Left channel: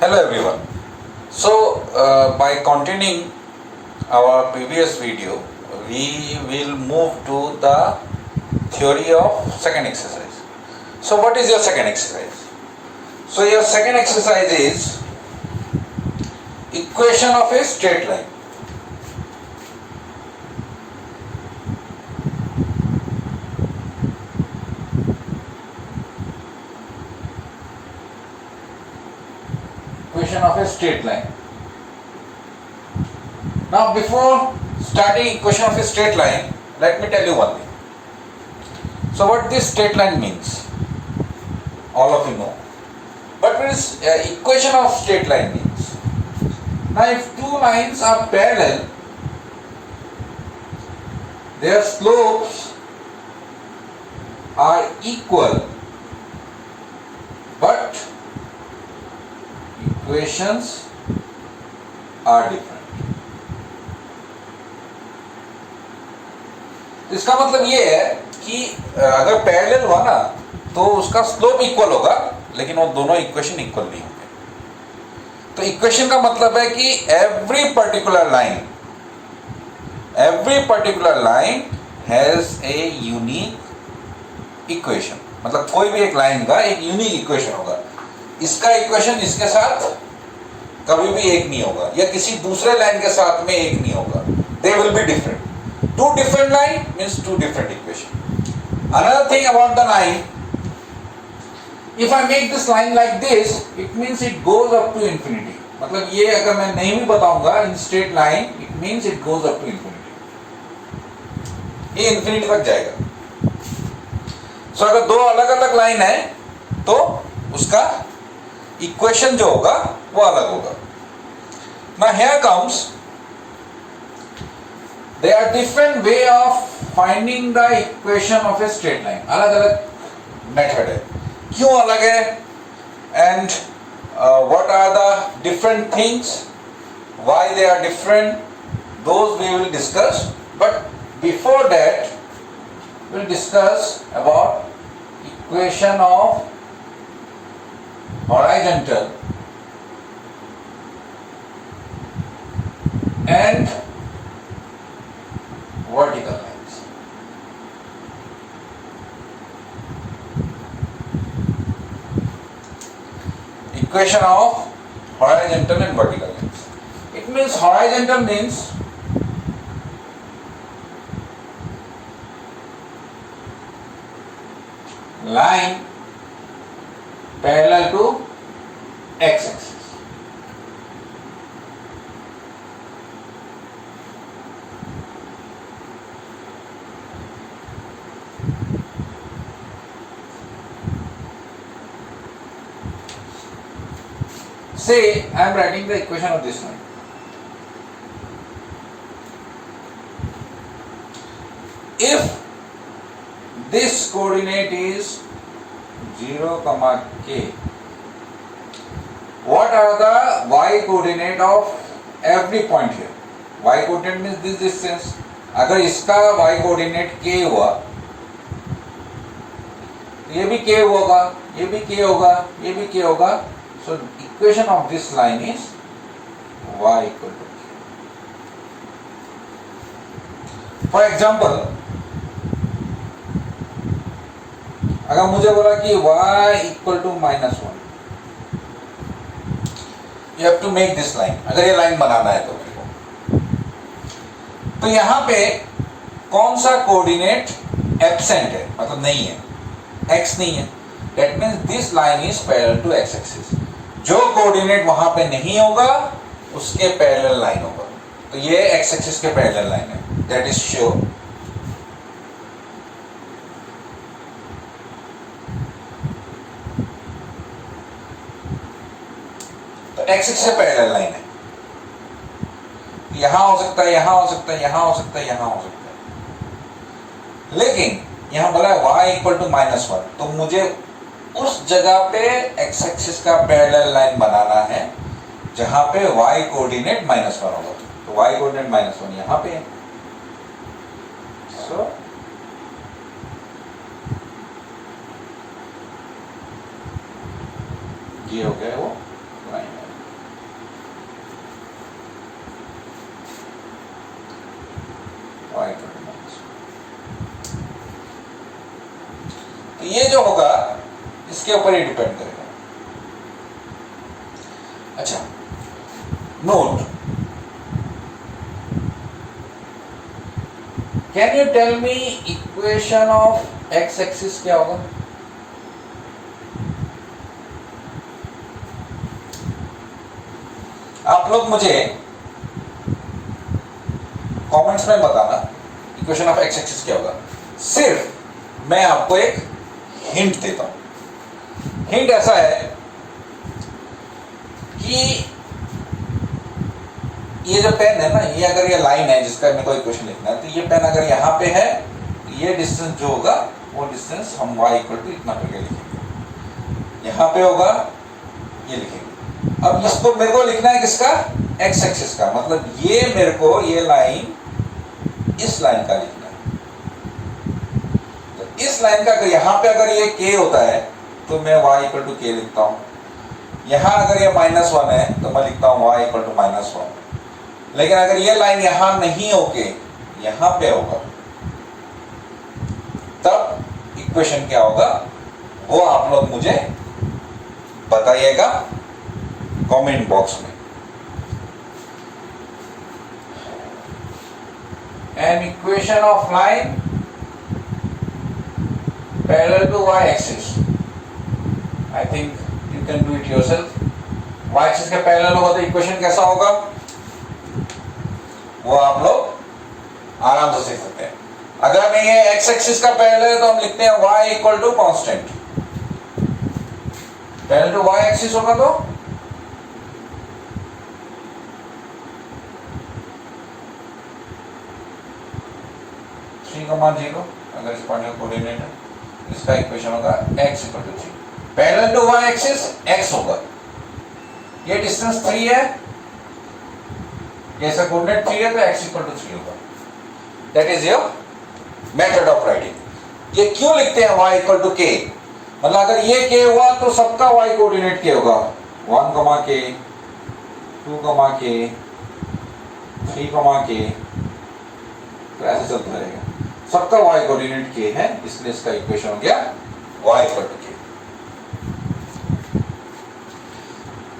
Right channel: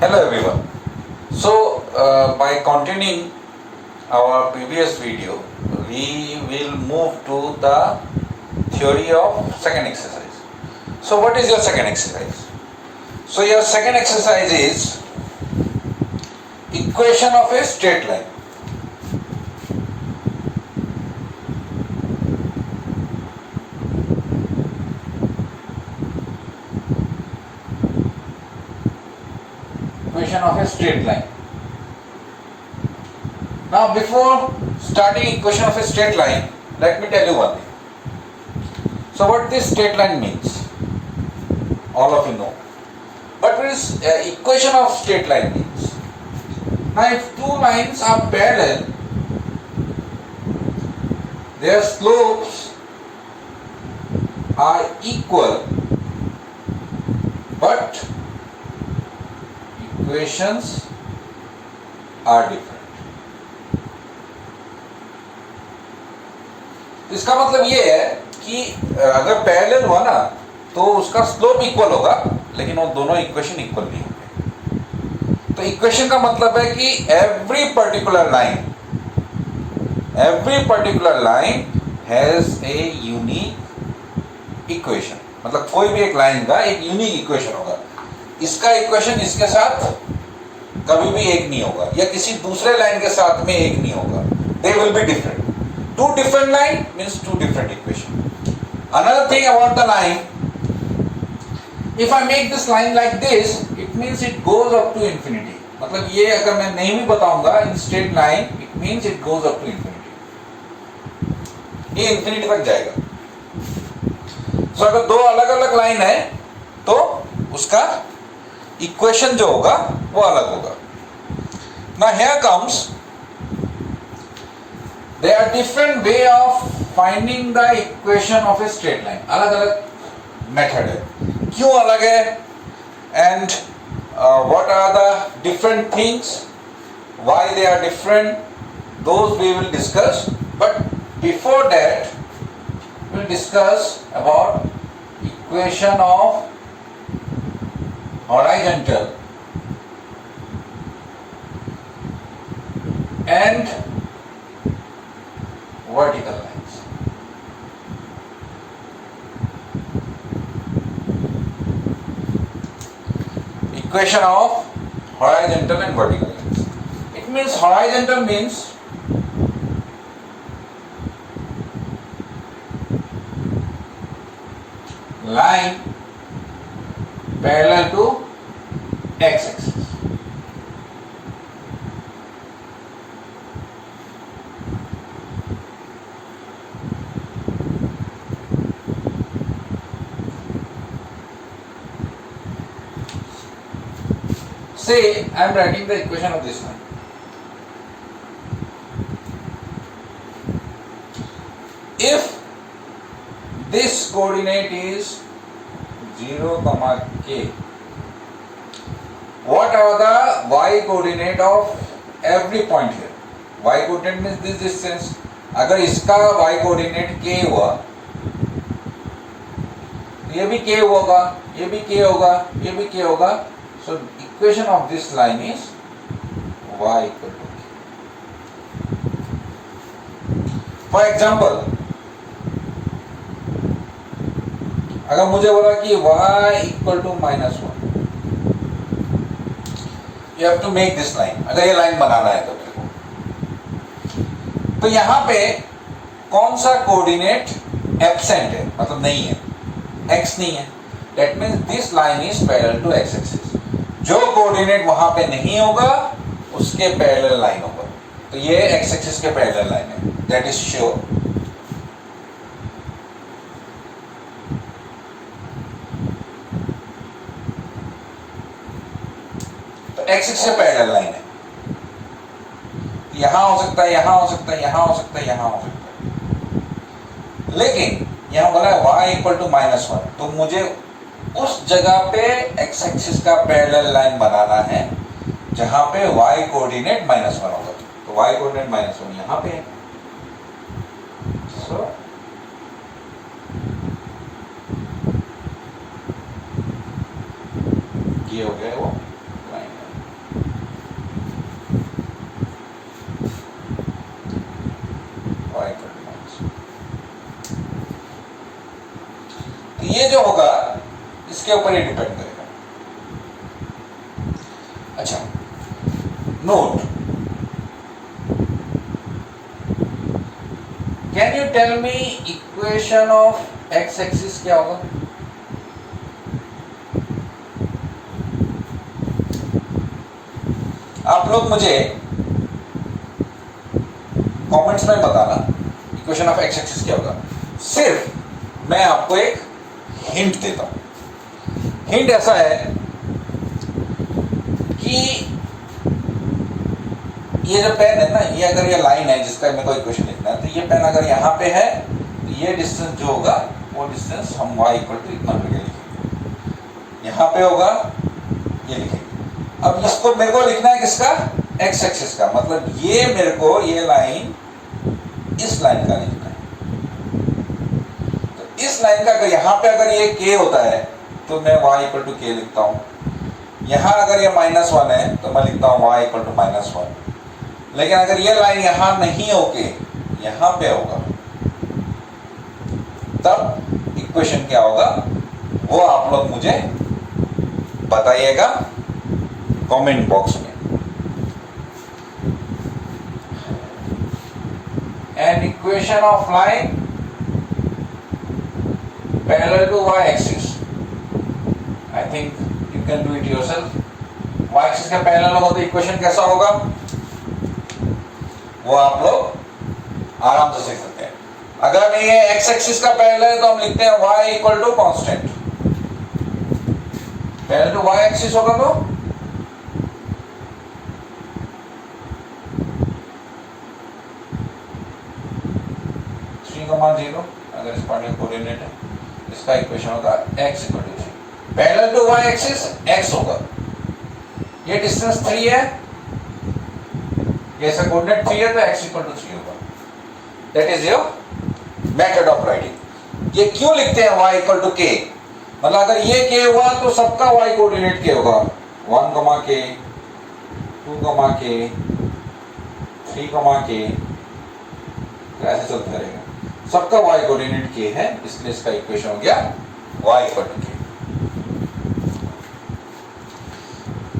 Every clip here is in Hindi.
Hello everyone. By continuing our previous video, we will move to the theory of second exercise. So, what is your second exercise? So, your second exercise is equation of a straight line. Equation of a straight line. Now, before starting equation of a straight line, let me tell you one thing. So, what this straight line means, all of you know. But what is equation of straight line means? Now, if two lines are parallel, their slopes are equal, but equations are different. इसका मतलब ये है कि अगर पैरेलल हुआ ना तो उसका स्लोप इक्वल होगा, लेकिन वो दोनों इक्वेशन इक्वल नहीं होंगे. तो इक्वेशन का मतलब है कि every particular line has a unique equation. मतलब कोई भी एक लाइन का एक यूनिक इक्वेशन होगा. इसका इक्वेशन इसके साथ कभी भी एक नहीं होगा, या किसी दूसरे लाइन के साथ में एक नहीं होगा. They will be different. Two different line means two different equation. Another thing about the line, if I make this line like this, it means it goes up to infinity. मतलब ये अगर मैं नहीं भी बताऊंगा in straight line, it means it goes up to infinity. ये infinity तक जाएगा. So अगर दो अलग अलग लाइन है तो उसका इक्वेशन जो होगा वो अलग होगा. Now here comes, there are different way of finding the equation of a straight line. अलग अलग मेथड है. क्यों अलग है? And what are the different things? Why they are different? Those we will discuss. But before that, we will discuss about equation of horizontal and vertical lines. Equation of horizontal and vertical lines. It means horizontal means line parallel to x-axis. Say I am writing the equation of this one. If this coordinate is 0, k, what are the y coordinate of every point here? Y coordinate means this distance. अगर इसका y coordinate k हुआ, ये भी k होगा, ये भी k होगा, ये भी k होगा. So equation of this line is y equal to k. For example, अगर मुझे बोला कि y equal to -1, you have to make this line. अगर ये लाइन बनाना है कभी को, तो यहाँ पे कौन सा कोऑर्डिनेट एब्सेंट है, मतलब नहीं है, x नहीं है. That means this line is parallel to x-axis. जो कोऑर्डिनेट वहां पे नहीं होगा उसके पैरेलल लाइन होगा. तो ये एक्स एक्सिस के पैरेलल लाइन है, दैट इज श्योर. तो एक्स एक्सिस के पैरेलल लाइन है. यहां हो सकता है, यहां हो सकता है, यहां हो सकता है, यहां हो सकता है. लेकिन यहां बोला है y इक्वल टू -1, तो मुझे उस जगह पे x एक्सिस का पैरेलल लाइन बनाना है जहां पे y कोऑर्डिनेट -1 होगा. तो y कोऑर्डिनेट -1 यहां पे है. So ये हो गया वो लाइन. इसके ऊपर ही डिपेंड करेगा। अच्छा, note, can you tell me equation of X axis क्या होगा? आप लोग मुझे कमेंट्स में बताना इक्वेशन ऑफ एक्स एक्सिस क्या होगा। सिर्फ मैं आपको एक हिंट देता हूं। हिंट ऐसा है कि ये जो पेन है ना, ये अगर ये लाइन है जिसका मेरे को इक्वेशन लिखना है, तो ये पेन अगर यहां पे है, तो ये डिस्टेंस जो होगा वो डिस्टेंस हम y इक्वल टू इतना करके लिखेंगे। यहां पे होगा, ये लिखेंगे। अब इसको मेरे को लिखना है किसका? एक्स एक्सिस का। मतलब ये मेरे को ये लाइन इस लाइन का लिखना है। तो इस लाइन का यहां पे अगर ये k होता है तो मैं y इक्वल टू k लिखता हूं। यहां अगर ये -1 है तो मैं लिखता हूं y इक्वल टू -1। लेकिन अगर ये लाइन यहां नहीं होके यहां पे होगा, तब इक्वेशन क्या होगा वो आप लोग मुझे बताइएगा कमेंट बॉक्स में। An equation of line parallel to y-axis. I think you can do it yourself. y-axis के पैरेलल होगा तो इक्वेशन कैसा होगा वो आप लोग आराम से सीख सकते हैं। अगर नहीं है x एक्सिस का पैरेलल है तो हम लिखते हैं y equal to constant. Parallel to y axis होगा तो कमा 0, अगर इस पॉइंट का कोऑर्डिनेट है, इसका इक्वेशन होगा x equal to 3। Parallel to y axis x होगा, ये डिस्टेंस 3 है, ये इसका कोऑर्डिनेट 3 है, तो x इक्वल टू 3 होगा। That is your method of writing. ये क्यों लिखते हैं y इक्वल टू k? मतलब अगर ये k हुआ तो सबका y कोऑर्डिनेट k होगा। 1, k, 2, k, 3, k, तो ऐसे चलता रहेगा। सबका y कोऑर्डिनेट k है, इसलिए इसका इक्वेशन हो गया y equal to k।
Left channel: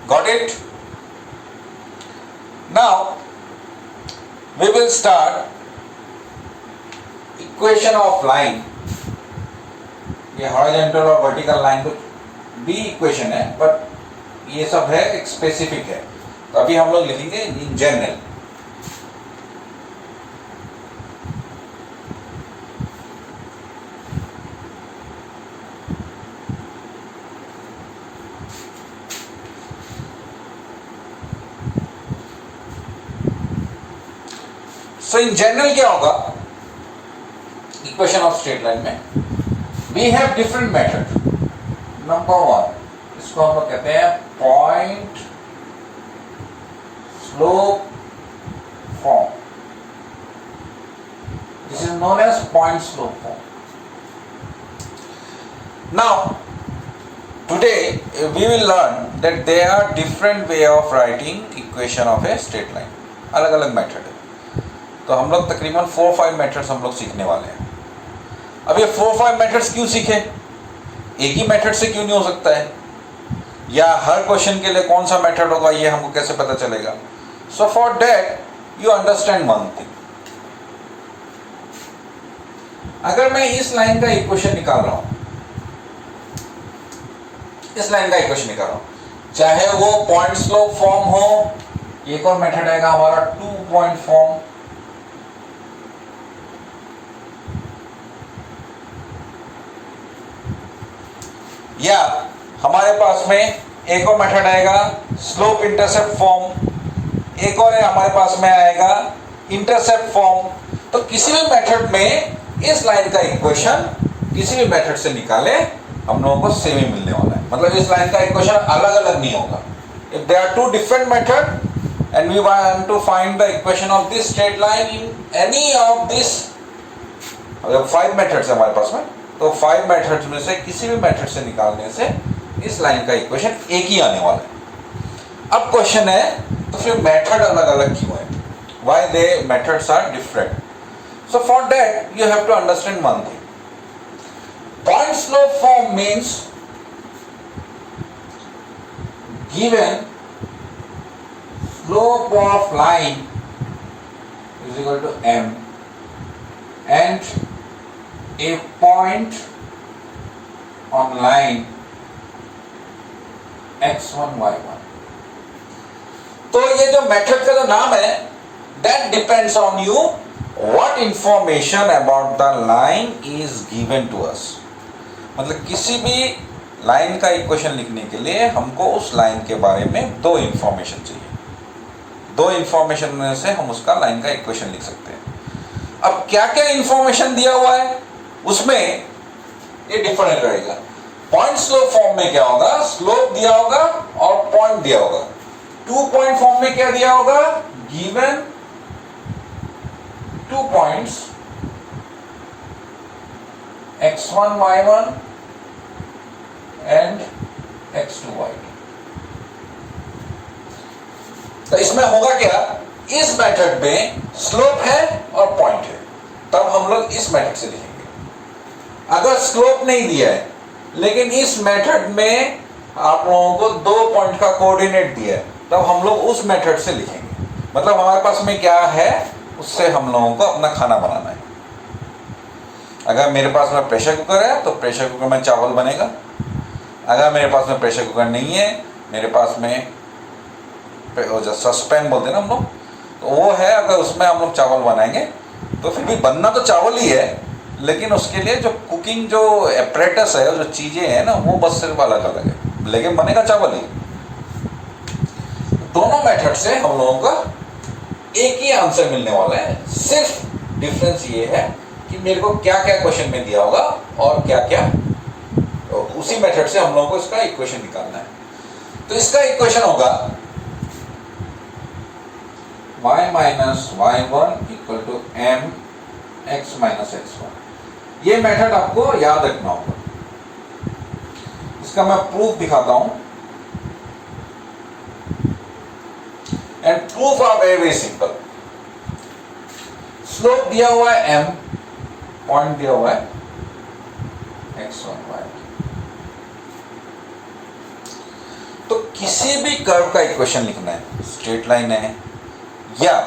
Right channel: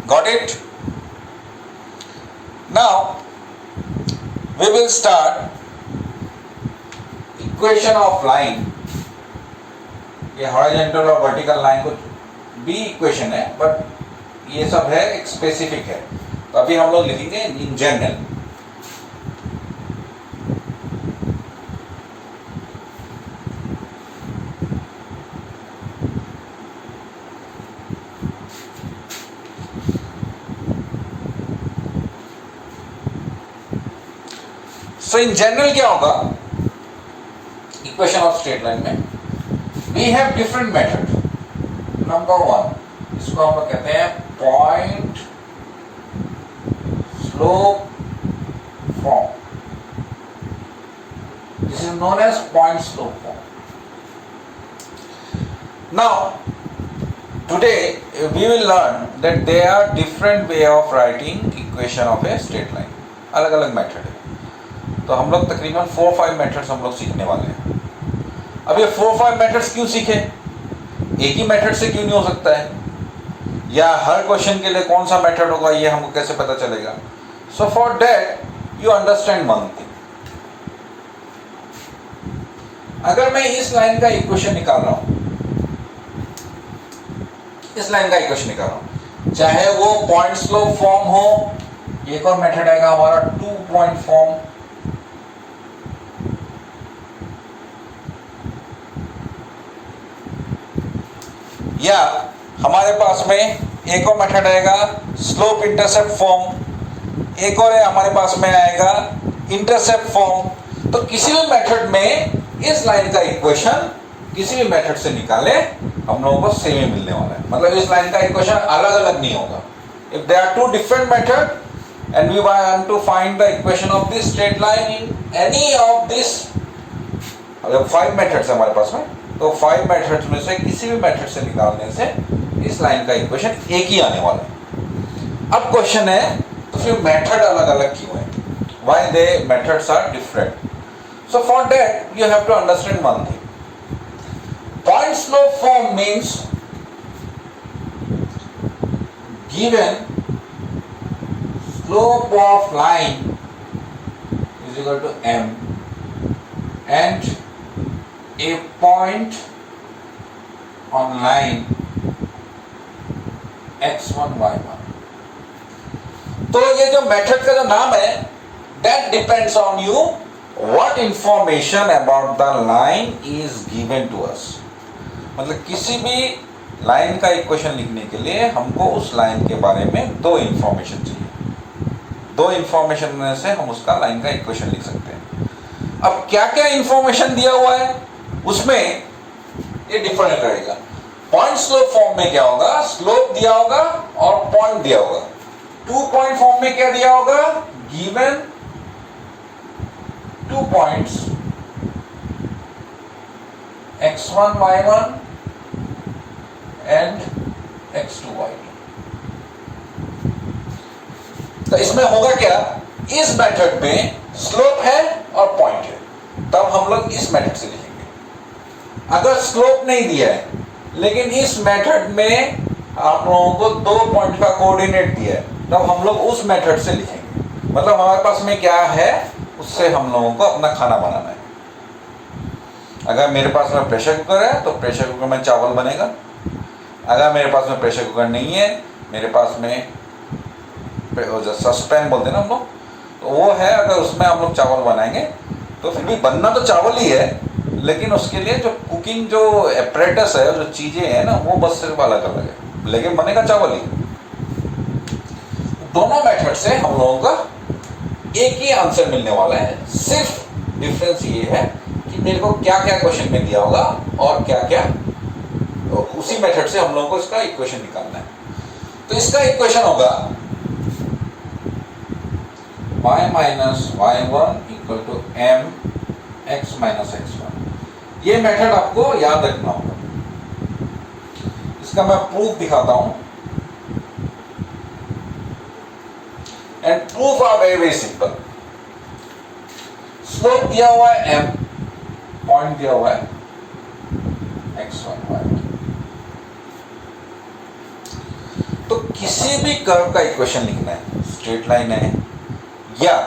Got it? Now we will start equation of line. ये हॉरिजॉन्टल और वर्टिकल लाइन को भी इक्वेशन है, बट ये सब है एक स्पेसिफिक है। तो अभी हम लोग लिखेंगे in general. So in general क्या होगा इक्वेशन ऑफ स्ट्रेट लाइन में? We have different method. Number 1, इसको हम लोग कहते हैं point slope form. This is known as point slope form. Now today we will learn that there are different way of writing equation of a straight line. अलग अलग मेथड है, तो हम लोग तकरीबन 4-5 मेथड्स हम लोग सीखने वाले हैं। अब ये 4-5 मेथड्स क्यों सीखे? एक ही मेथड से क्यों नहीं हो सकता है, या हर क्वेश्चन के लिए कौन सा मेथड होगा ये हमको कैसे पता चलेगा? सो for that you understand one thing. अगर मैं इस लाइन का इक्वेशन निकाल रहा हूं, इस लाइन का इक्वेशन निकाल रहा हूं, चाहे वो पॉइंट स्लोप फॉर्म हो, एक और मेथड आएगा हमारा 2 पॉइंट फॉर्म, या हमारे पास में एक और मेथड आएगा स्लोप इंटरसेप्ट फॉर्म, एक और है हमारे पास में आएगा इंटरसेप्ट फॉर्म। तो किसी भी मेथड में इस लाइन का इक्वेशन किसी भी मेथड से निकाले हम लोगों को सेम ही मिलने वाला है। मतलब इस लाइन का इक्वेशन अलग अलग नहीं होगा। If there are 2 different method and we want to find the equation of this straight line in any of this, अब 5 मेथड्स है हमारे पास में, तो 5 मेथड्स में से किसी भी मेथड से निकालने से इस लाइन का इक्वेशन एक ही आने वाला है। अब क्वेश्चन है तो फिर मेथड अलग अलग क्यों है? Why they methods are different? So for that you have to understand one thing. Point slope form means given slope of line is equal to m and a point on line x1 y1. तो ये जो मेथड का जो नाम है that depends on you what information about the line is given to us. मतलब किसी भी लाइन का इक्वेशन लिखने के लिए हमको उस लाइन के बारे में दो इंफॉर्मेशन चाहिए. दो इंफॉर्मेशन में से हम उसका लाइन का इक्वेशन लिख सकते हैं. अब क्या क्या इंफॉर्मेशन दिया हुआ है उसमें ये डिफरेंट रहेगा. पॉइंट स्लोप फॉर्म में क्या होगा, स्लोप दिया होगा और पॉइंट दिया होगा. 2 पॉइंट फॉर्म में क्या दिया होगा, given 2 points x1 y1 and x2 y2. तो इसमें होगा क्या, इस मेथड में स्लोप है और पॉइंट है, तब हम लोग इस मेथड से लिखेंगे. अगर स्लोप नहीं दिया है लेकिन इस मेथड में आप लोगों को 2 पॉइंट का कोऑर्डिनेट दिया है, तब हम लोग उस मेथड से लिखेंगे. मतलब हमारे पास में क्या है उससे हम लोगों को अपना खाना बनाना है. अगर मेरे पास में प्रेशर कुकर है तो प्रेशर कुकर में चावल बनेगा. अगर मेरे पास में प्रेशर कुकर नहीं है, मेरे पास में जो सस्पेन बोलते हैं ना हम लोग, तो वो है, अगर उसमें हम लोग चावल बनाएंगे तो फिर भी बनना तो चावल ही है, लेकिन उसके लिए जो कुकिंग जो एपरेटस है, जो चीज़ें हैं ना, वो बस सिर्फ अलग अलग है, लेकिन बनेगा चावल ही. दोनों मेथड से हम लोगों का एक ही आंसर मिलने वाला है. सिर्फ डिफरेंस ये है कि मेरे को क्या क्या क्वेश्चन में दिया होगा और क्या क्या, तो उसी मेथड से हम लोगों को इसका इक्वेशन निकालना है. तो इसका इक्वेशन होगा y minus y1 equal to m x minus x1. ये मेथड आपको याद रखना होगा. इसका मैं प्रूफ दिखाता हूं. And proof are very very simple. Slope दिया हुआ है m, पॉइंट दिया हुआ है x1 y1. तो किसी भी कर्व का इक्वेशन लिखना है, स्ट्रेट लाइन है या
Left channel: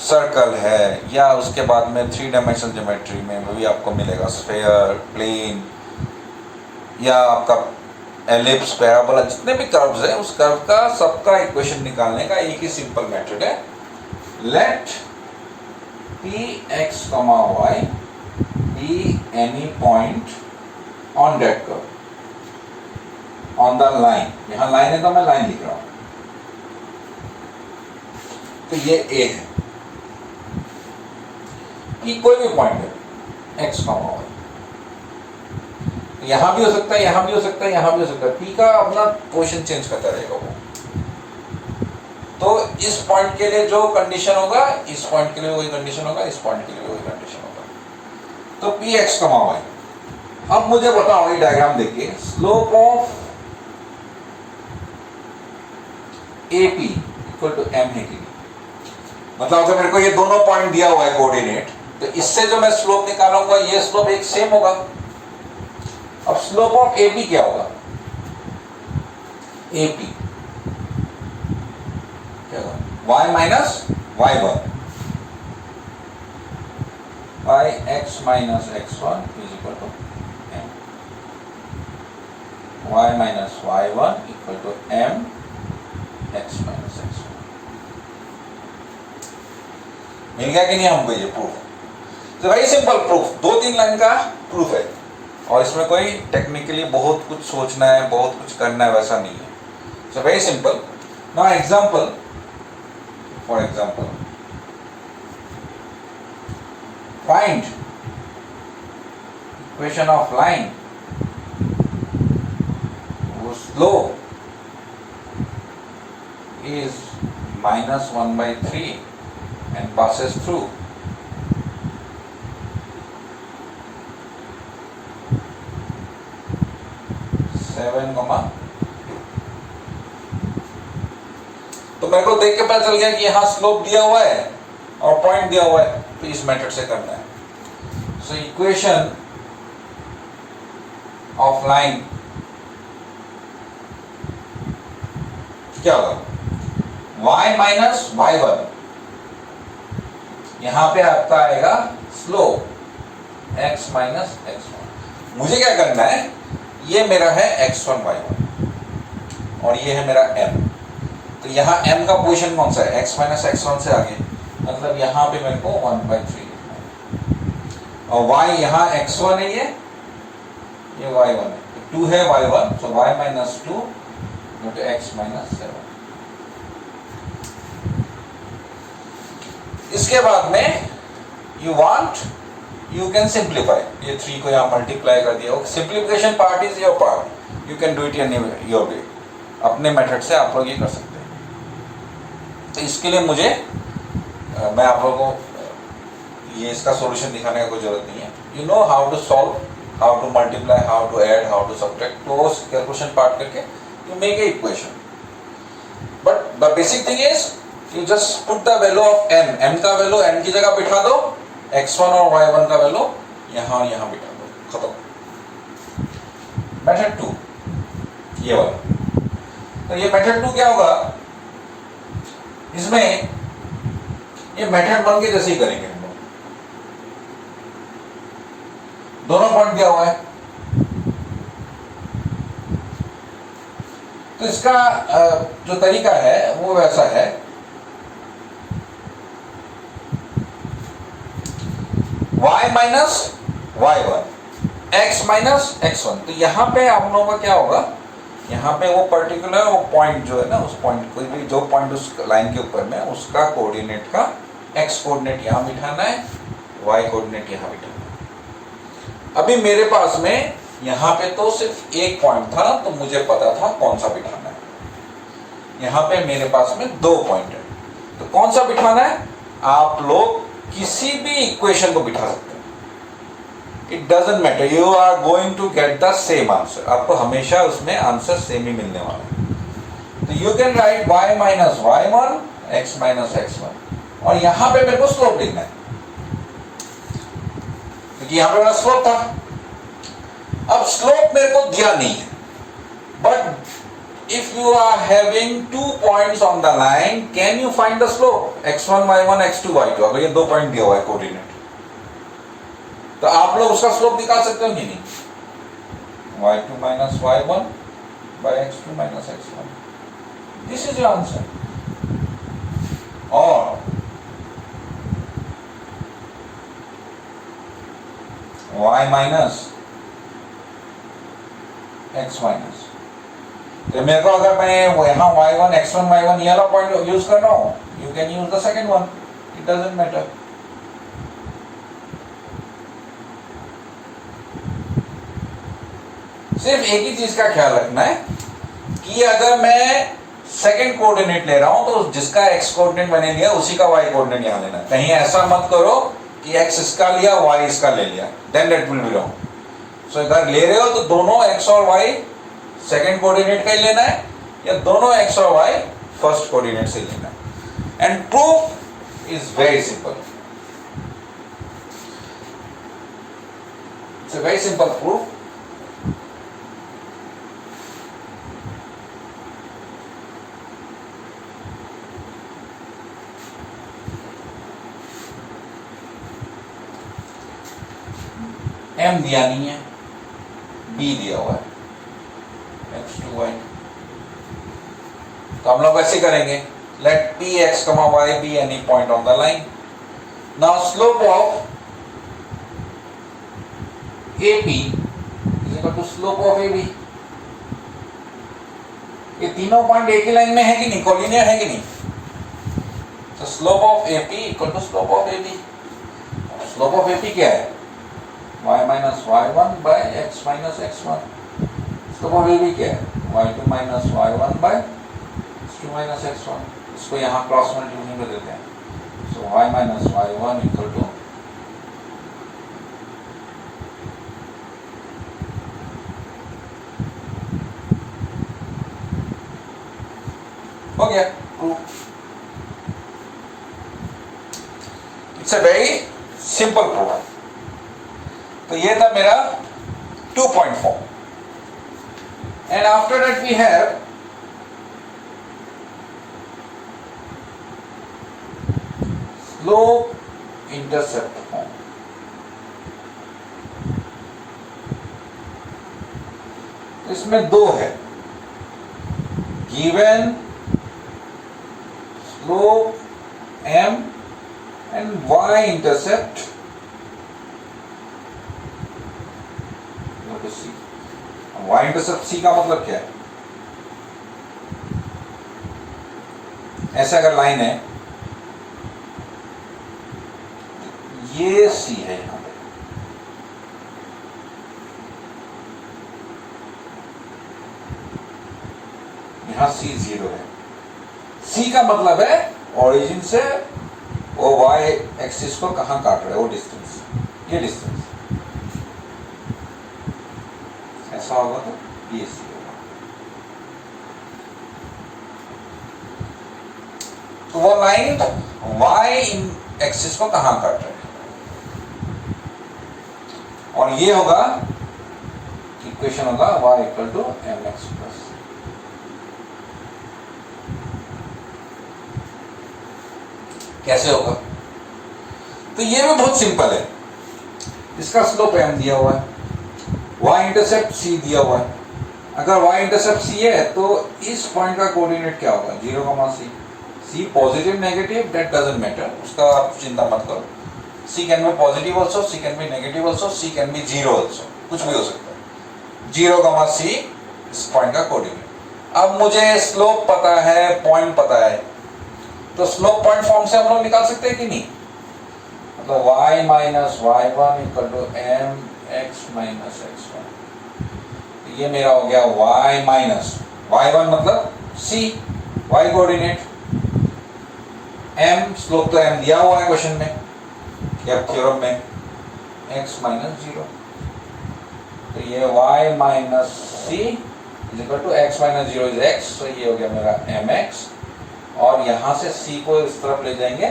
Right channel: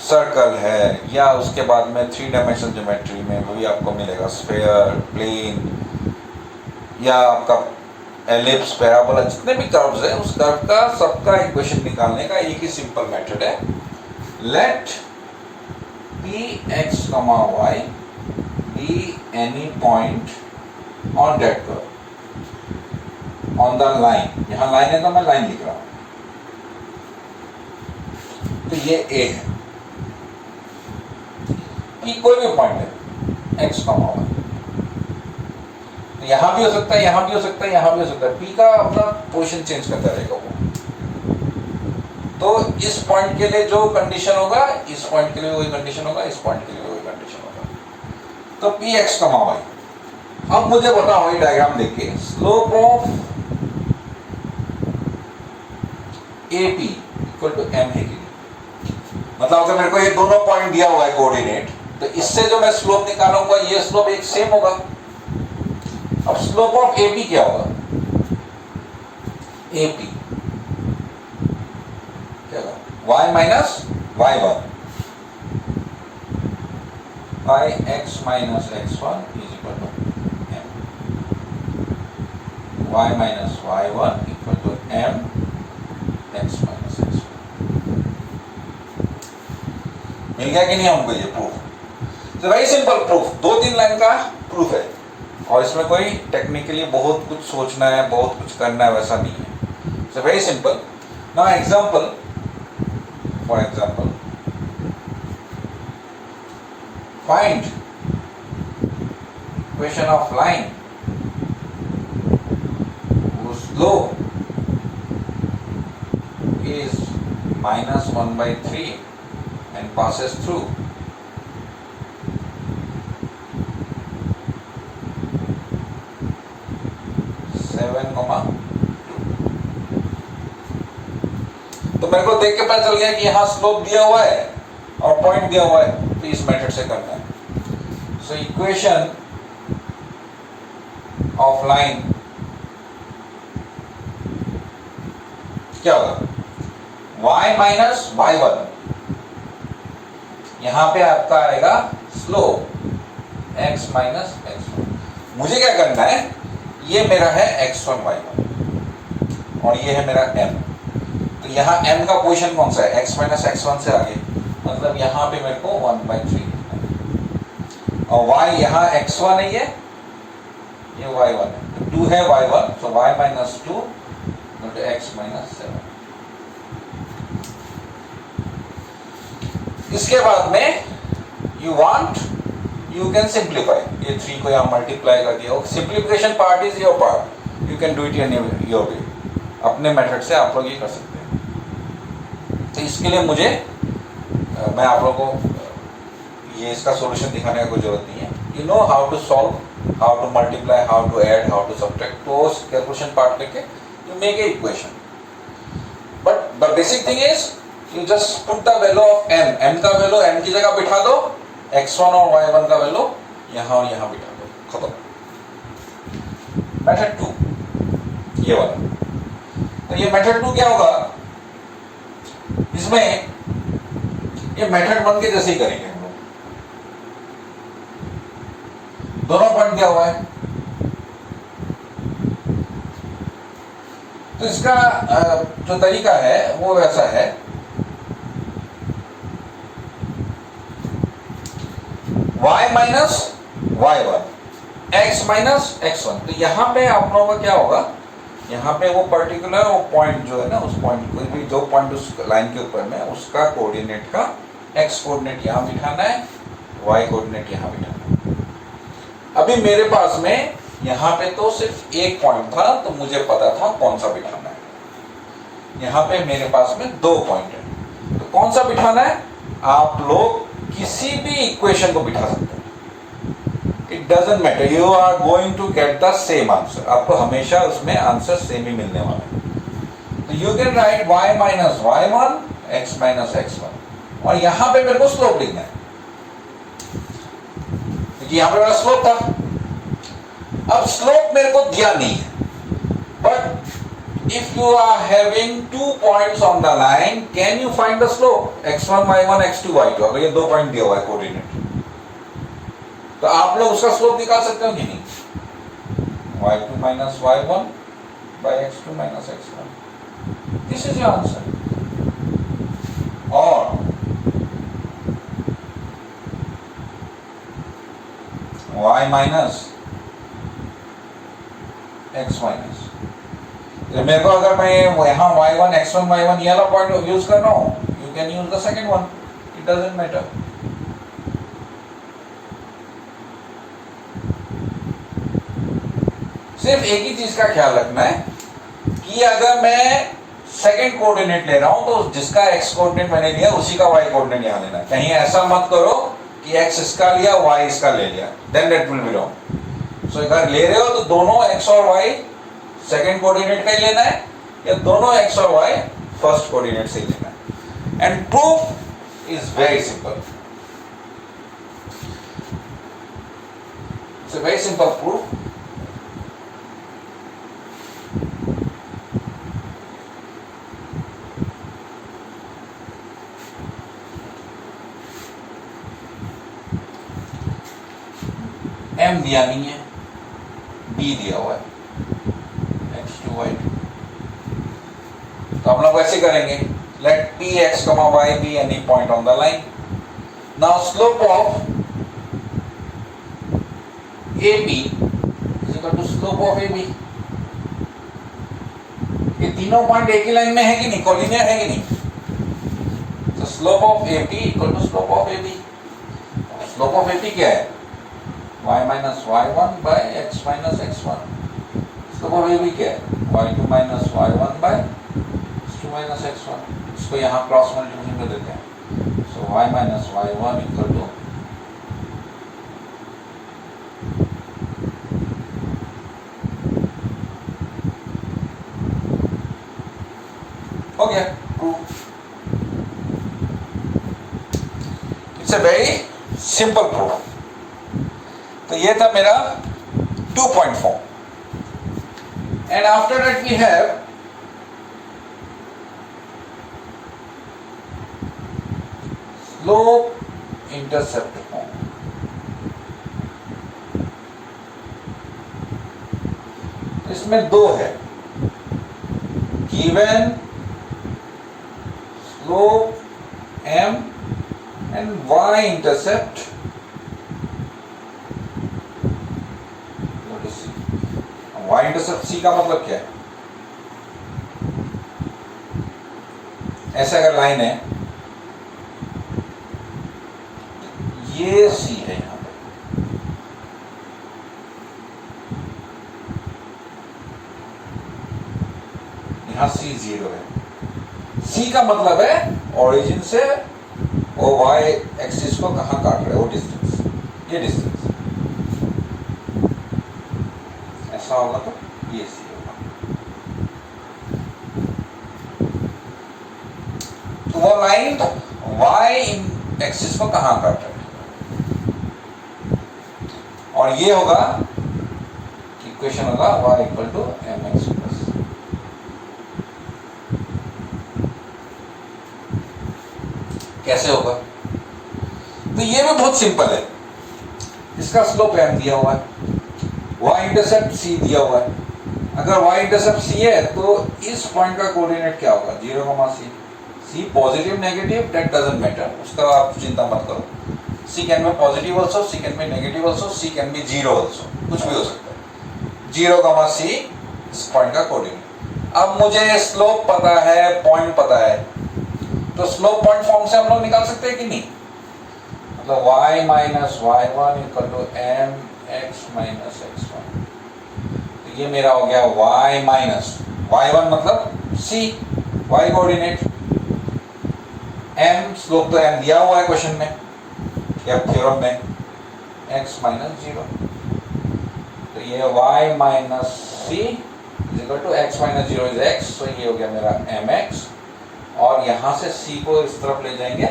सर्कल है या उसके बाद में 3 डायमेंशनल ज्योमेट्री में वो भी आपको मिलेगा, स्फीयर, प्लेन या आपका एलिप्स, पैराबोला, जितने भी कर्व्स है उस कर्व का सबका इक्वेशन निकालने का एक ही सिंपल मेथड है. Let p x, y be any point on that curve on the line. यहां लाइन है तो मैं लाइन लिख रहा हूं. तो ये a है कि कोई भी पॉइंट है x, y. यहां भी हो सकता है, यहां भी हो सकता है, यहां भी हो सकता है. p का अपना पोजीशन चेंज करता रहेगा वो. तो इस पॉइंट के लिए जो कंडीशन होगा, इस पॉइंट के लिए वही कंडीशन होगा, इस पॉइंट के लिए वही कंडीशन होगा. तो p x, y. अब मुझे बताओ ये डायग्राम देख के, slope of AP equal to m है कि, मतलब अगर मेरे को ये दोनों पॉइंट दिया हुआ है कोऑर्डिनेट, तो इससे जो मैं स्लोप निकालूंगा ये स्लोप एक सेम होगा. अब स्लोप ऑफ AP क्या होगा, AP क्या होगा, y minus y1 by x minus x1 is equal to m. y minus y1 equal to m x minus x1. मिल गया कि नहीं हमको ये proof? Very simple proof, 2-3 line का प्रूफ है और इसमें कोई टेक्निकली बहुत कुछ सोचना है, बहुत कुछ करना है, वैसा नहीं है. So very simple. Now example, for example, find equation of line whose slope is -1/3 and passes through seven comma 2. तो मेरे को देख के पता चल गया कि यहां स्लोप दिया हुआ है और पॉइंट दिया हुआ है, तो इस मेथड से करना है. सो इक्वेशन ऑफ लाइन क्या होगा, y माइनस y1, यहां पे आपका आएगा स्लोप x माइनस x1। मुझे क्या करना है, ये मेरा है x1 y1 और ये है मेरा m, तो यहाँ m का पोजीशन कौन सा है, x माइनस x1 से आगे, मतलब यहाँ पे मेरे को 1/3 और y यहाँ x1 है, ये y1 है, 2 है y1, so y minus 2 into x minus 7। इसके बाद में you can simplify, ये 3 को यहाँ मल्टीप्लाई कर दिया, simplification part is your part, you can do it in your way, अपने मेथड से आप लोग ये कर सकते हैं। तो इसके लिए मुझे मैं आप लोगों को ये इसका सॉल्यूशन दिखाने का कोई जरूरत नहीं है, you know how to solve, how to multiply, how to add, how to subtract, तो कैलकुलेशन पार्ट करके you make a equation. But the basic thing is you just put the value of m का वैल्यू n की जगह बिठा दो, x1 और y1 का वैल्यू यहां यहां बिठा दो, खत्म। मेथड 2 ये वाला, तो ये मेथड 2 क्या होगा, इसमें ये मेथड 1 के जैसे ही करेंगे हम लोग, दोनों पॉइंट क्या हुआ है, तो इसका जो तरीका है वो वैसा है, y minus y1 x minus x1, तो यहां पे आप लोगों का क्या होगा, यहाँ पे वो पर्टिकुलर वो पॉइंट जो है ना, उस पॉइंट कोई भी जो पॉइंट उस लाइन के ऊपर में, उसका कोऑर्डिनेट का x कोऑर्डिनेट यहाँ बिठाना है, y कोऑर्डिनेट यहाँ बिठाना है। अभी मेरे पास में यहाँ पे तो सिर्फ एक पॉइंट था, तो मुझे पता था कौन सा बिठाना है। यहाँ पे मेरे पास में 2 पॉइंट है, तो कौन सा बिठाना है, आप लोग किसी भी इक्वेशन को बिठा सकते हैं, it doesn't matter, you are going to get the same answer, आपको हमेशा उसमें आंसर सेम ही मिलने वाला है। तो you can write y minus y1 x minus x1, और यहां पे मेरे को स्लोप लिखना है, क्योंकि यहां पे मेरा स्लोप था। अब स्लोप मेरे को दिया नहीं है, but if you are having 2 points on the line, can you find the slope x1 y1 x2 y2, अगर ये 2 पॉइंट दिया हुआ है कोऑर्डिनेट, तो आप लोग उसका स्लोप निकाल सकते हो कि नहीं, y2 minus y1 by x2 minus x1, this is your answer. और y माइनस x माइनस, मेरे को अगर मैं यहाँ y1 x1 y1 ये वाला पॉइंट यूज कर रहा हूं, you can use the second one, it doesn't matter. सिर्फ एक ही चीज का ख्याल रखना है कि अगर मैं सेकंड कोऑर्डिनेट ले रहा हूं, तो जिसका x कोऑर्डिनेट मैंने लिया उसी का y कोऑर्डिनेट यहां लेना है। कहीं ऐसा मत करो कि x इसका लिया y इसका ले लिया, then that will be wrong. So अगर ले रहे हो तो दोनों x और y सेकंड कोऑर्डिनेट का ही लेना है, या दोनों x और y फर्स्ट कोऑर्डिनेट से ही लेना है। And proof is very simple, it's a very simple proof. m दिया नहीं है, b दिया हुआ है, x2 y2, तो हम लोग वैसे करेंगे, let p x, y be any point on the line. Now slope of AB is equal to slope of AB. ये तीनों पॉइंट एक ही लाइन में है कि नहीं, कोलिनियर है कि नहीं, तो slope of AP equal to slope of AB। Slope of AP क्या है, y minus y1 by x minus x1। Slope of AB क्या है, y2 minus y1 bye x2 minus x1। इसको यहाँ क्रॉस मल्टीप्लिकेशन कर देते हैं, so y minus y1 equal to हो गया proof. It's a very simple proof. तो ये था मेरा 2.4, and after that we have slope intercept form. तो इसमें दो है, given slope m and y intercept c। y intercept c का मतलब क्या है? ऐसा अगर लाइन है, ये c है, यहां पे यहां c 0 है। c का मतलब है ओरिजिन से वो y एक्सिस को कहां काट रहा है, वो डिस्टेंस, ये डिस्टेंस ऐसा होगा तो ये c होगा। तो वो लाइन y एक्सिस को कहां काट रहा है, और ये होगा, इक्वेशन होगा y equal to mx plus. कैसे होगा? तो ये भी बहुत सिंपल है। इसका स्लोप m दिया हुआ है, y इंटरसेप्ट c दिया हुआ है। अगर y इंटरसेप्ट c है तो इस पॉइंट का कोऑर्डिनेट क्या होगा? 0, c positive negative that doesn't matter, उसका आप चिंता मत करो। c can be positive also, c can be negative also, c can be 0 also, कुछ भी हो सकता है। 0, c इस पॉइंट का कोऑर्डिनेट। अब मुझे स्लोप पता है, पॉइंट पता है, तो स्लोप पॉइंट फॉर्म से हम लोग निकाल सकते हैं कि नहीं? मतलब y minus y1 equal to m x minus x1। तो ये मेरा हो गया y माइनस y1 मतलब c, y coordinate, m slope तो m दिया हुआ है क्वेश्चन में या थ्योरम में, x माइनस 0। तो ये y minus c equal to x minus 0 is x, तो ये हो गया मेरा mx, और यहां से c को इस तरफ ले जाएंगे,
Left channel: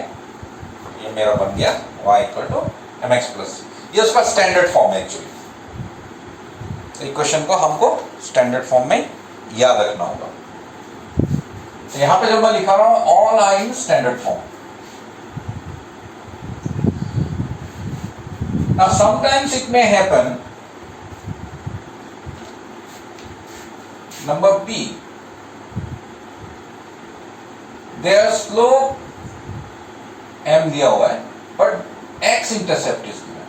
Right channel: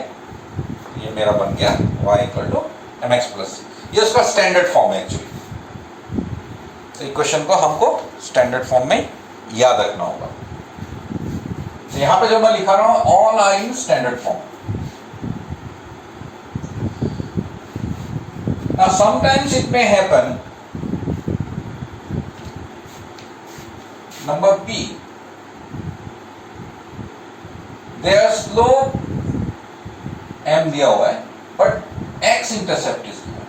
ये मेरा बन गया y equal to mx plus c। ये उसका स्टैंडर्ड फॉर्म है एक्चुअली। तो इक्वेशन को हमको स्टैंडर्ड फॉर्म में याद रखना होगा। तो यहां पे जो मैं लिखा रहा हूं, all are in standard form. Now sometimes it may happen, number B, their slope m दिया हुआ है, but x इंटरसेप्ट इज दिया।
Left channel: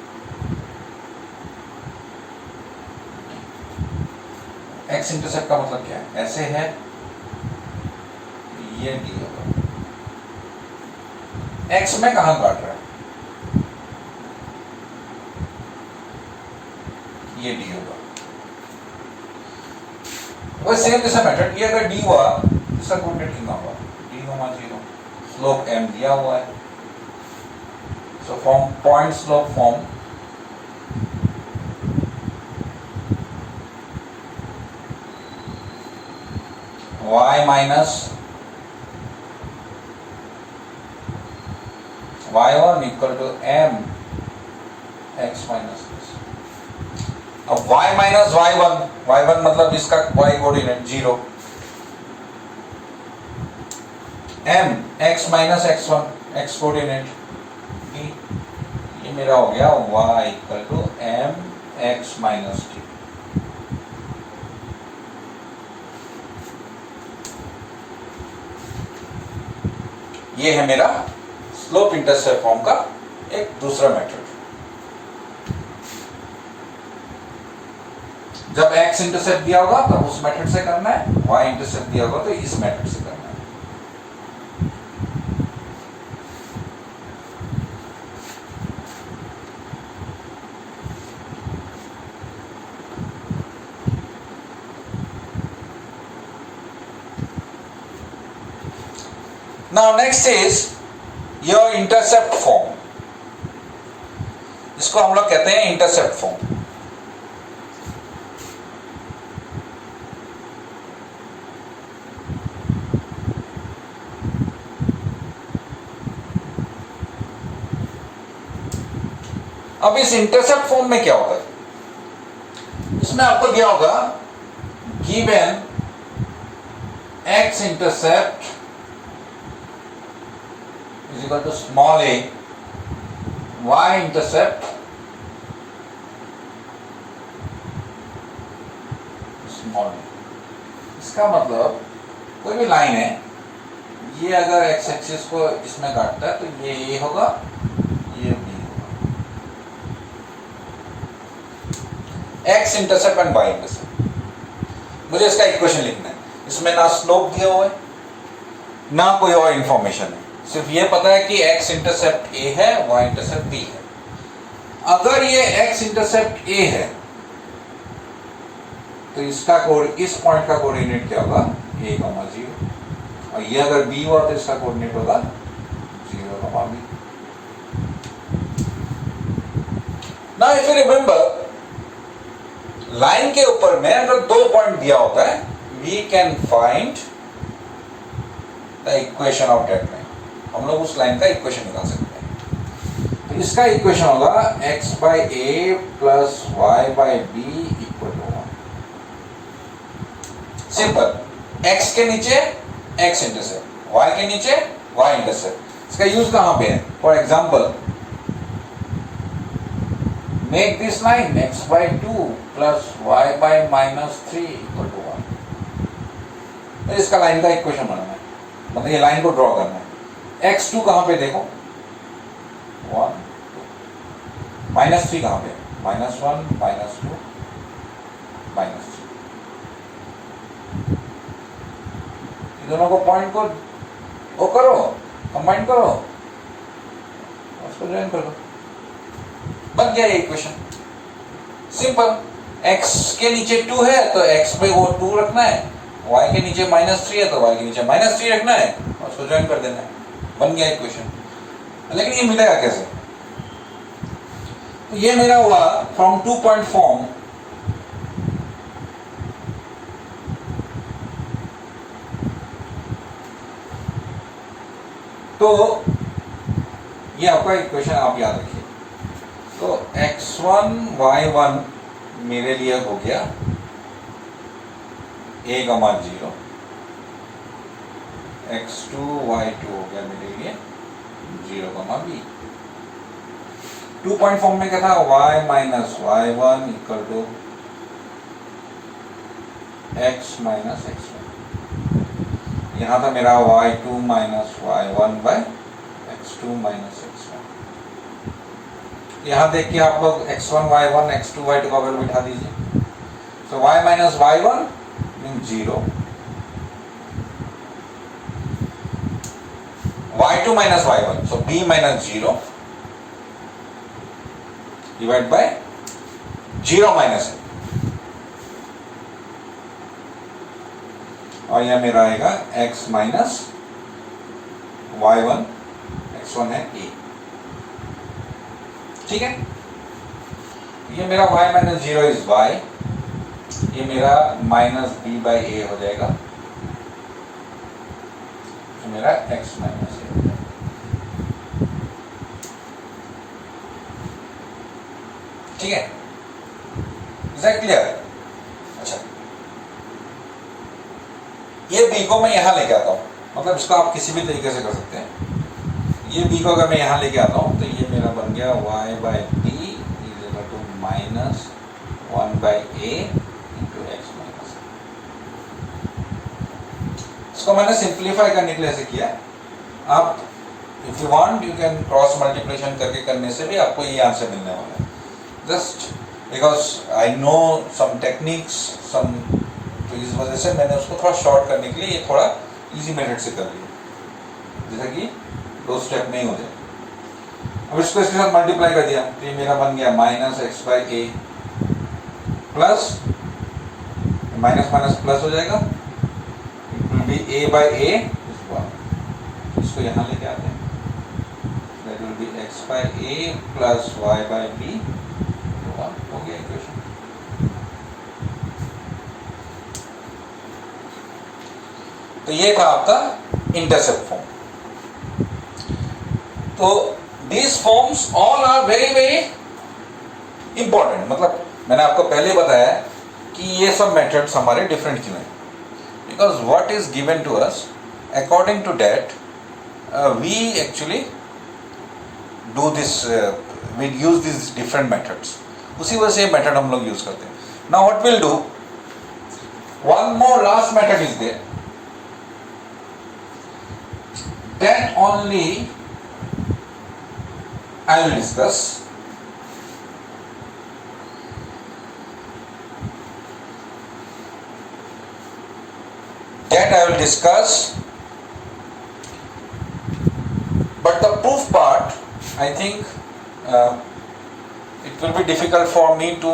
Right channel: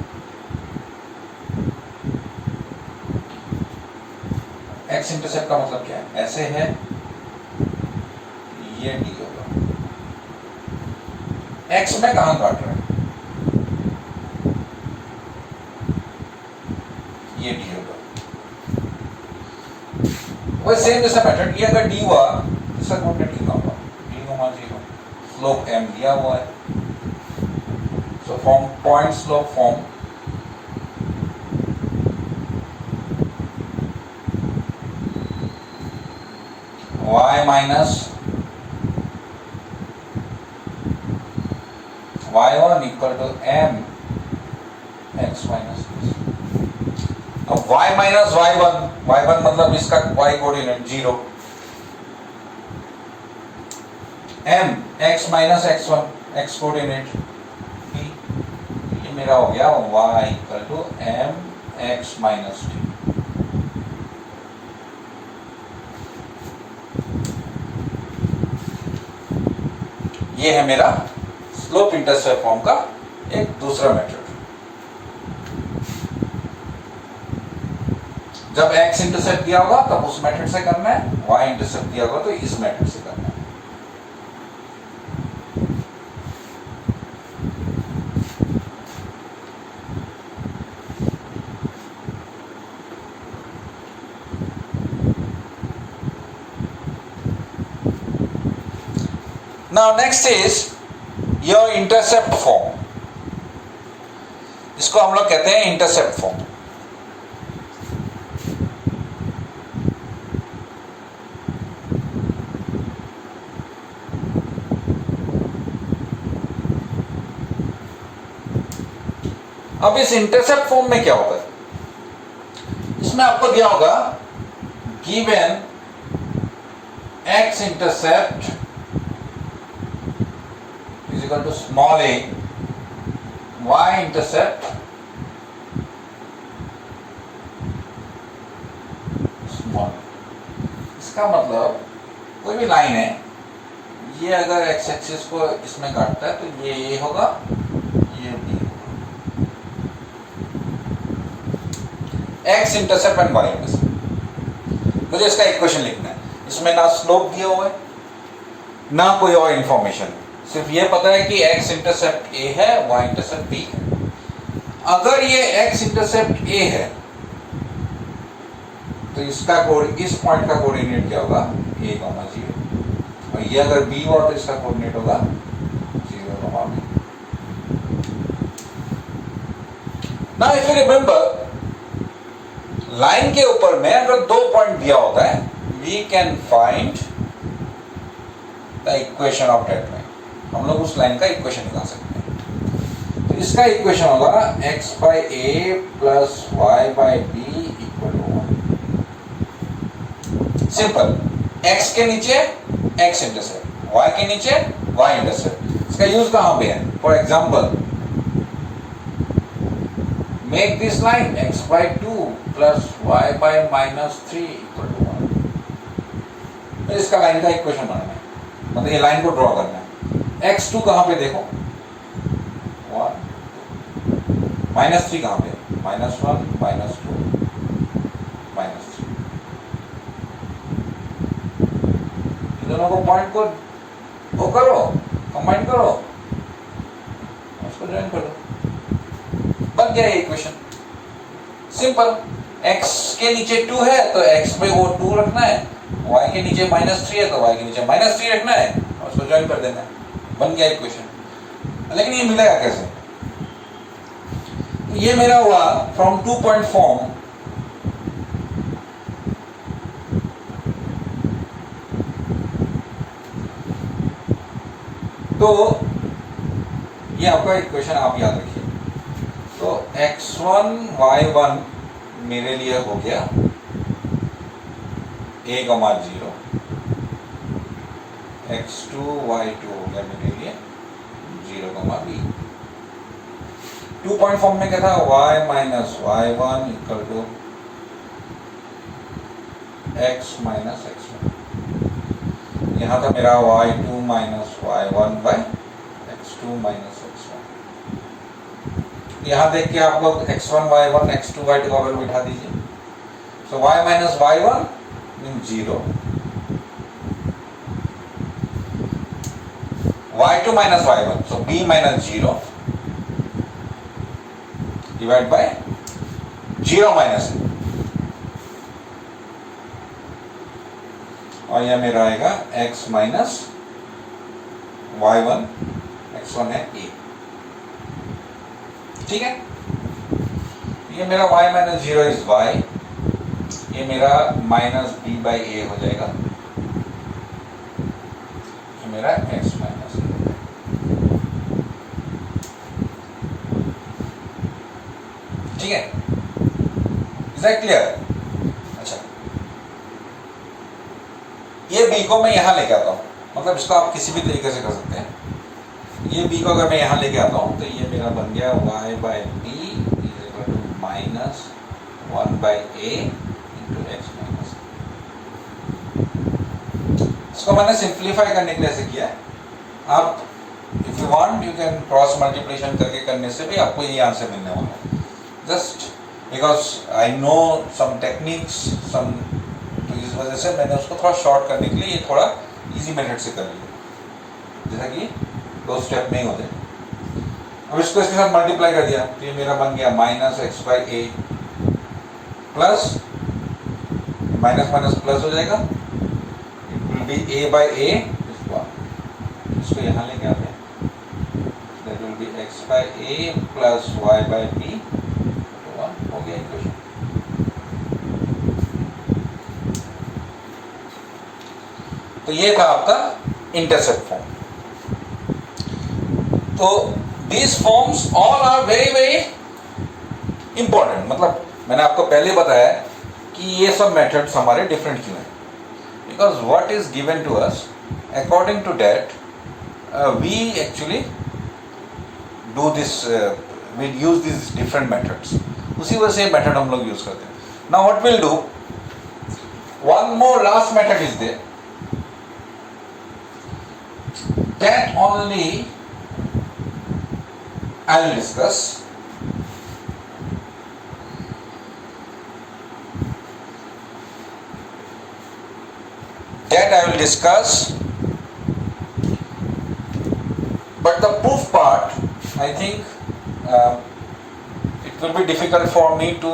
x इंटरसेप्ट का मतलब क्या है? ऐसे है, ये d होगा। x में कहां काट रहा है? ये d होगा। वह सेम जैसा मेथड, ये अगर d हुआ, इसका कोऑर्डिनेट कितना होगा? 0, स्लोप m दिया हुआ है, so form point slope form y minus y1 equal to m x minus. अब y माइनस y1 मतलब इसका y coordinate 0, m x minus x1 x coordinate p, ये मेरा हो गया y equal to m x minus t। ये है मेरा स्लोप इंटरसेप्ट फॉर्म का एक दूसरा मेथड। जब x इंटरसेप्ट दिया होगा तब उस मेथड से करना है, y इंटरसेप्ट दिया होगा तो इस मेथड से करना है। Now next is your intercept form. इसको हम लोग कहते हैं इंटरसेप्ट फॉर्म। अब इस इंटरसेप्ट फॉर्म में क्या होता है? इसमें आपको दिया होगा given x intercept is equal to small a y intercept small. इसका मतलब कोई भी लाइन है, ये अगर एक्स एक्सिस को इसमें काटता है तो ये होगा, ये बी होगा। X intercept and y intercept, मुझे इसका इक्वेशन लिखना है। इसमें ना स्लोप दिया हुआ है ना कोई और इंफॉर्मेशन है, सिर्फ ये पता है कि एक्स इंटरसेप्ट ए है, वाई इंटरसेप्ट बी है। अगर ये एक्स इंटरसेप्ट ए है तो इसका इस पॉइंट का कोऑर्डिनेट क्या होगा, ए कॉमा जीरो, और ये अगर बी हुआ तो इसका कोऑर्डिनेट होगा zero comma B. Now if you remember, line के ऊपर में अगर 2 पॉइंट दिया होता है, we can find the equation of that line. हम लोग उस लाइन का इक्वेशन निकाल सकते हैं। तो इसका इक्वेशन होगा x by a plus y by b equal to 1। Simple, x के नीचे x इंटरसेप्ट, y के नीचे y इंटरसेप्ट। इसका यूज कहां पे है? For example, make this line x by 2 plus y by minus 3 equal to 1। तो इसका लाइन का इक्वेशन बनाना है, मतलब ये लाइन को ड्रॉ करना है। x2 कहां पे देखो, 1, माइनस 3 कहां पे, माइनस 1, माइनस 2, माइनस 3। दोनों को पॉइंट को वो करो, कंबाइन करो, उसको ज्वाइन कर दो, बन गया ये इक्वेशन। सिंपल, x के नीचे 2 है तो x पे वो 2 रखना है, y के नीचे माइनस 3 है तो y के नीचे माइनस 3 रखना है और उसको ज्वाइन कर देना है, बन गया इक्वेशन। लेकिन ये मिलेगा कैसे? तो ये मेरा हुआ फ्रॉम 2 पॉइंट फॉर्म, तो ये आपका इक्वेशन आप याद रखिए। तो x1 y1 मेरे लिए हो गया a कॉमा 0, x2 y2 हो गया मेरे लिए 0 कॉमा b। 2 पॉइंट फॉर्म में क्या था, y minus y1 equal to x minus x1। यहाँ था मेरा y2 minus y1 bye x2 minus x1। यहाँ देख के आप लोग x1 y1 x2 y2 का वैल्यू बिठा दीजिए। सो y minus y1 mean 0, y2 minus y1 so b minus 0 divide by 0 minus, और यह मेरा आएगा x माइनस y1, x1 है a, ठीक है। ये मेरा y माइनस 0 इज y, ये मेरा माइनस b बाई a हो जाएगा, तो मेरा x माइनस a। ठीक है, इज दैट क्लियर? अच्छा, ये b को मैं यहां लेके आता हूं, मतलब इसको आप किसी भी तरीके से कर सकते हैं। ये b को अगर मैं यहां लेके आता हूं तो ये मेरा बन गया y by b is equal to minus 1 by a into x minus. इसको मैंने सिंप्लीफाई करने के लिए ऐसे किया। आप if you want you can cross multiplication करके करने से भी आपको ये आंसर मिलने वाला है। Just because I know some techniques some, तो इस वजह से मैंने उसको थोड़ा शॉर्ट करने के लिए ये थोड़ा इजी मेथड से कर लिया, जैसा कि 2 स्टेप में ही होते। अब इसको इसके साथ मल्टीप्लाई कर दिया तो ये मेरा बन गया minus x by a plus minus minus plus हो जाएगा, ए बाई ए, इसको यहाँ लेके आते हैं, that will be x by a plus y by b, हो गया इक्वेशन। तो ये था आपका इंटरसेप्ट फॉर्म। तो these forms all are very very important, मतलब मैंने आपको पहले बताया कि ये सब मेथड्स हमारे डिफरेंट क्यों हैं, because what is given to us according to that we actually do this we use this different methods, उसी वजह से मेथड हम लोग यूज करते हैं. Now what will do, one more last method is there, that only I will discuss. That I will discuss, but the proof part, I think it will be difficult for me to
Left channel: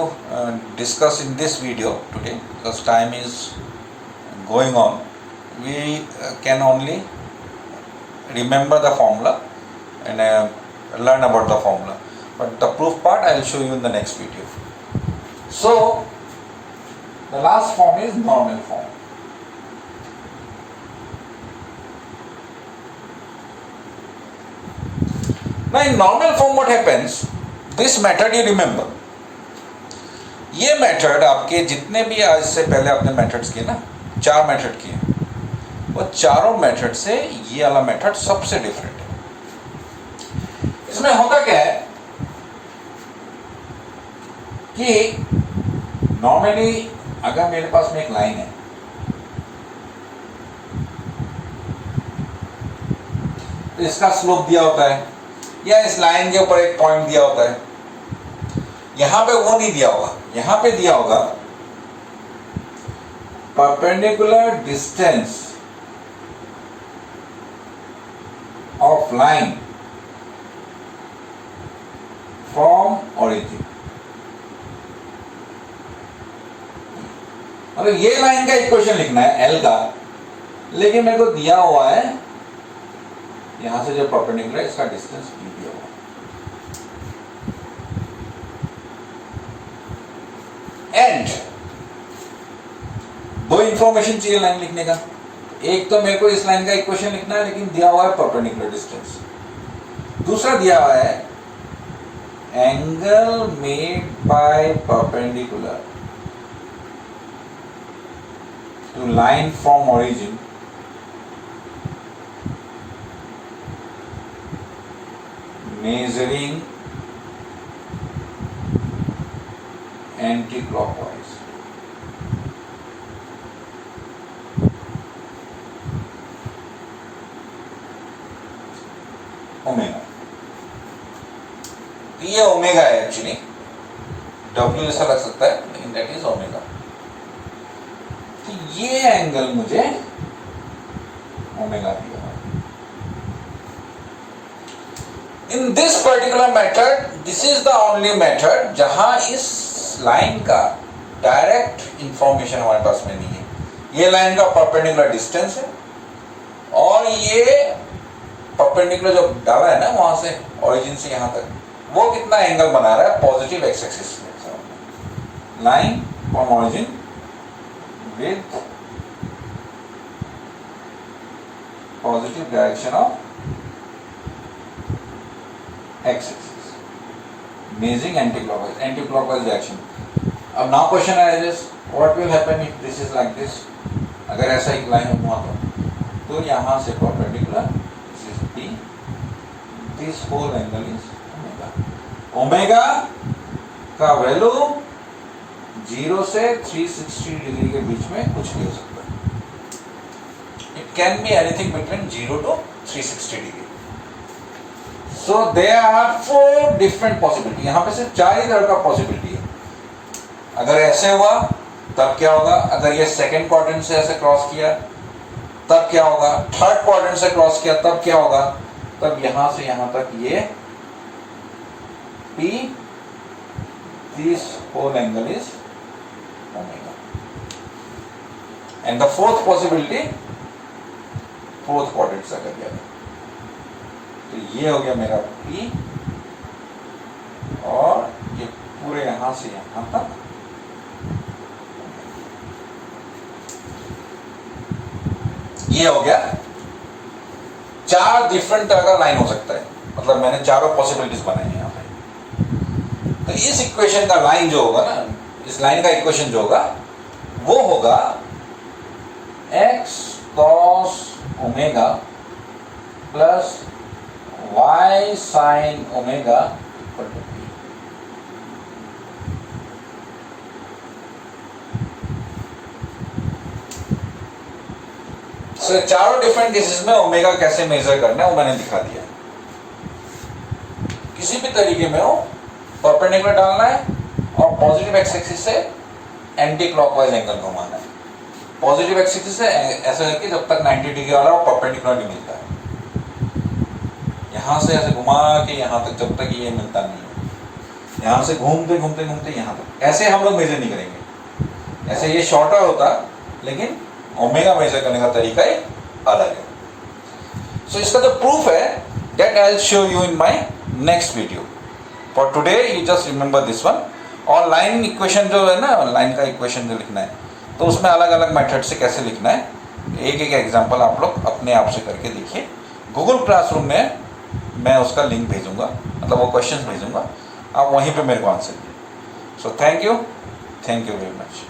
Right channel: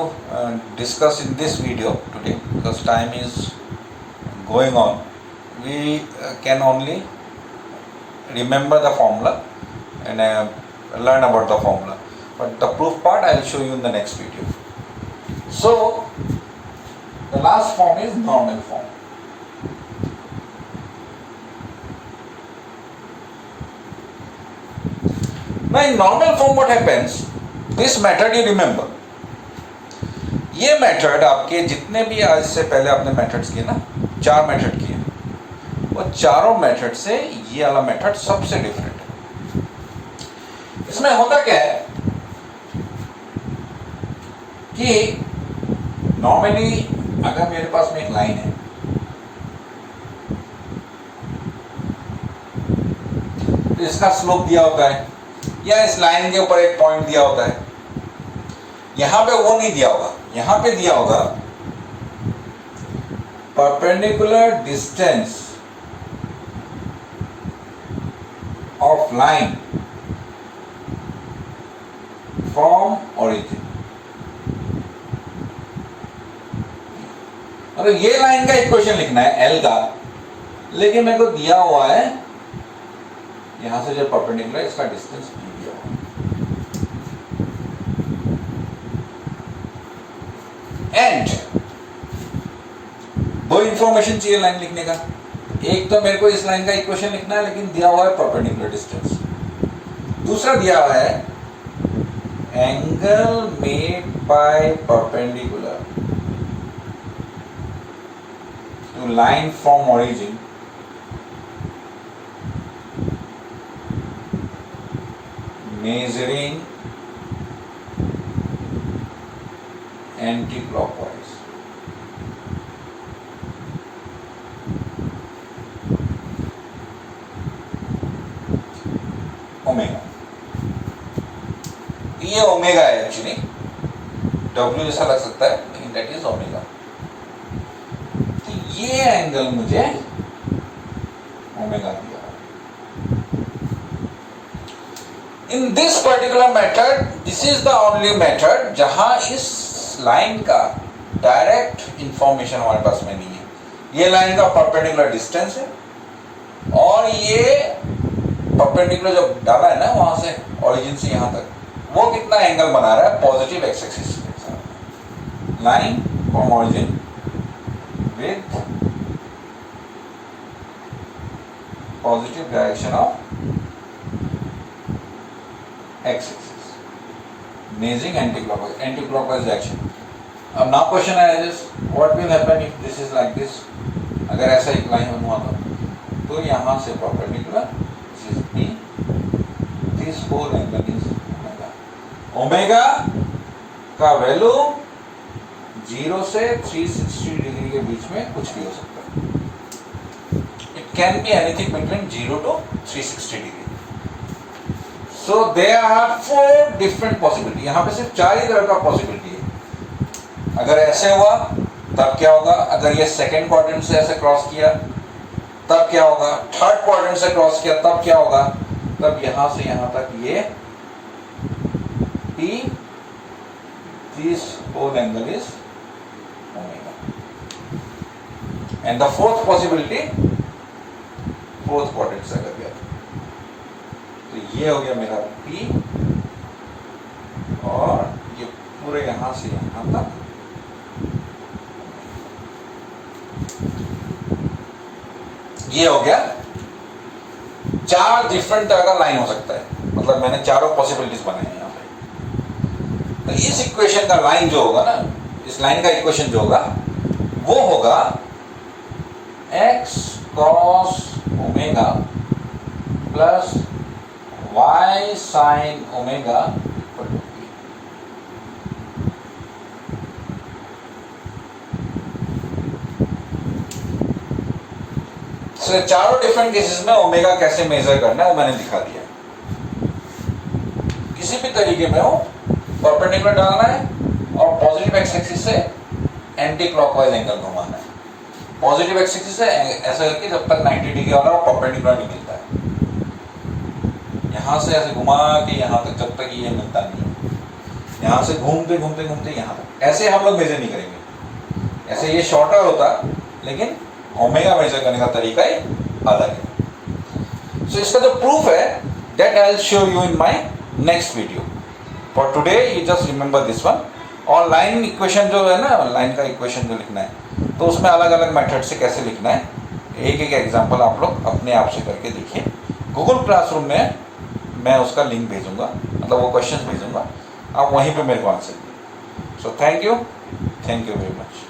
discuss in this video today because time is going on. We can only remember the formula and learn about the formula, but the proof part I will show you in the next video. So the last form is normal form. Now in normal form what happens, this method you remember, ये मेथड आपके जितने भी आज से पहले आपने मेथड्स किए ना, 4 मेथड किए, वो चारों मेथड से ये वाला मेथड सबसे डिफरेंट है. इसमें होता क्या है कि नॉर्मली अगर मेरे पास में एक लाइन है, तो इसका स्लोप दिया होता है या इस लाइन के ऊपर एक पॉइंट दिया होता है. यहां पे वो नहीं दिया होगा, यहां पे दिया होगा perpendicular distance of line from origin. मतलब ये लाइन का इक्वेशन लिखना है एल का, लेकिन मेरे को दिया हुआ है यहां से जो परपेंडिकुलर इसका डिस्टेंस भी दिया हुआ. एंड दो इंफॉर्मेशन चाहिए लाइन लिखने का. एक तो मेरे को इस लाइन का इक्वेशन लिखना है, लेकिन दिया हुआ है परपेंडिकुलर डिस्टेंस. दूसरा दिया हुआ है angle made by perpendicular to line from origin measuring anti-clockwise. Omega, ये ओमेगा है एक्चुअली, डब्ल्यू ऐसा लग सकता है लेकिन दैट इज ओमेगा. तो ये एंगल मुझे ओमेगा दिया. In this particular method, this is the only method जहां इस लाइन का डायरेक्ट इंफॉर्मेशन हमारे पास में नहीं है. ये लाइन का परपेंडिकुलर डिस्टेंस है और ये परपेंडिकुलर जो डाला है ना वहां से ओरिजिन से यहां तक, वो कितना एंगल बना रहा है पॉजिटिव एक्स एक्सिस से. Line from origin with positive direction of x axis, measuring anti-clockwise direction. अब now question arises, what will happen if this is like this? अगर ऐसा एक लाइन हुआ तो यहाँ से perpendicular, this is P, this whole angle is omega. Omega का वैल्यू 0 से 360 डिग्री के बीच में कुछ भी हो सकता है. It can be anything between 0 to 360 degree. So there are 4 different possibility. यहाँ पे सिर्फ 4 ही तरह का पॉसिबिलिटी है. अगर ऐसे हुआ तब क्या होगा, अगर ये सेकेंड क्वाड्रेंट से ऐसे क्रॉस किया तब क्या होगा, थर्ड क्वाड्रेंट से क्रॉस किया तब क्या होगा, तब यहां से यहां तक ये P, this whole angle is omega. And the fourth possibility, fourth quadrant से अगर गया तो ये हो गया मेरा P और ये पूरे यहां से यहां तक ये हो गया. 4 डिफरेंट तरह का लाइन हो सकता है, मतलब मैंने चारों पॉसिबिलिटीज बनाए हैं यहाँ पे. तो इस इक्वेशन का लाइन जो होगा ना, इस लाइन का इक्वेशन जो होगा वो होगा x cos omega plus y sin omega equal to So, चारों डिफरेंट केसेस में ओमेगा कैसे मेजर करना है वो मैंने दिखा दिया। किसी भी तरीके में हो परपेंडिकुलर डालना है और पॉजिटिव एक्स एक्सिस से एंटी क्लॉकवाइज एंगल घुमाना है। पॉजिटिव एक्स एक्सिस से ऐसा है कि जब तक 90 डिग्री वाला वो परपेंडिकुलर नहीं मिलता है, यहां से ऐसे घुमा के यहां तक जब तक ये मिलता नहीं है, यहां से घूमते घूमते घूमते यहां तक। ऐसे हम लोग मेजर नहीं करेंगे, ऐसे ये शॉर्टर होता लेकिन ओमेगा मेजर करने का तरीका ही अलग है। सो इसका जो प्रूफ है that I will show you in my next video. For today you just remember this one. और लाइन इक्वेशन जो है ना, लाइन का इक्वेशन जो लिखना है तो उसमें अलग अलग मेथड से कैसे लिखना है, एक एक एग्जांपल आप लोग अपने आप से करके देखिए। गूगल क्लासरूम में मैं उसका लिंक भेजूंगा, मतलब वो क्वेश्चंस भेजूंगा, आप वहीं पे मेरे को आंसर दिए। So thank you very much.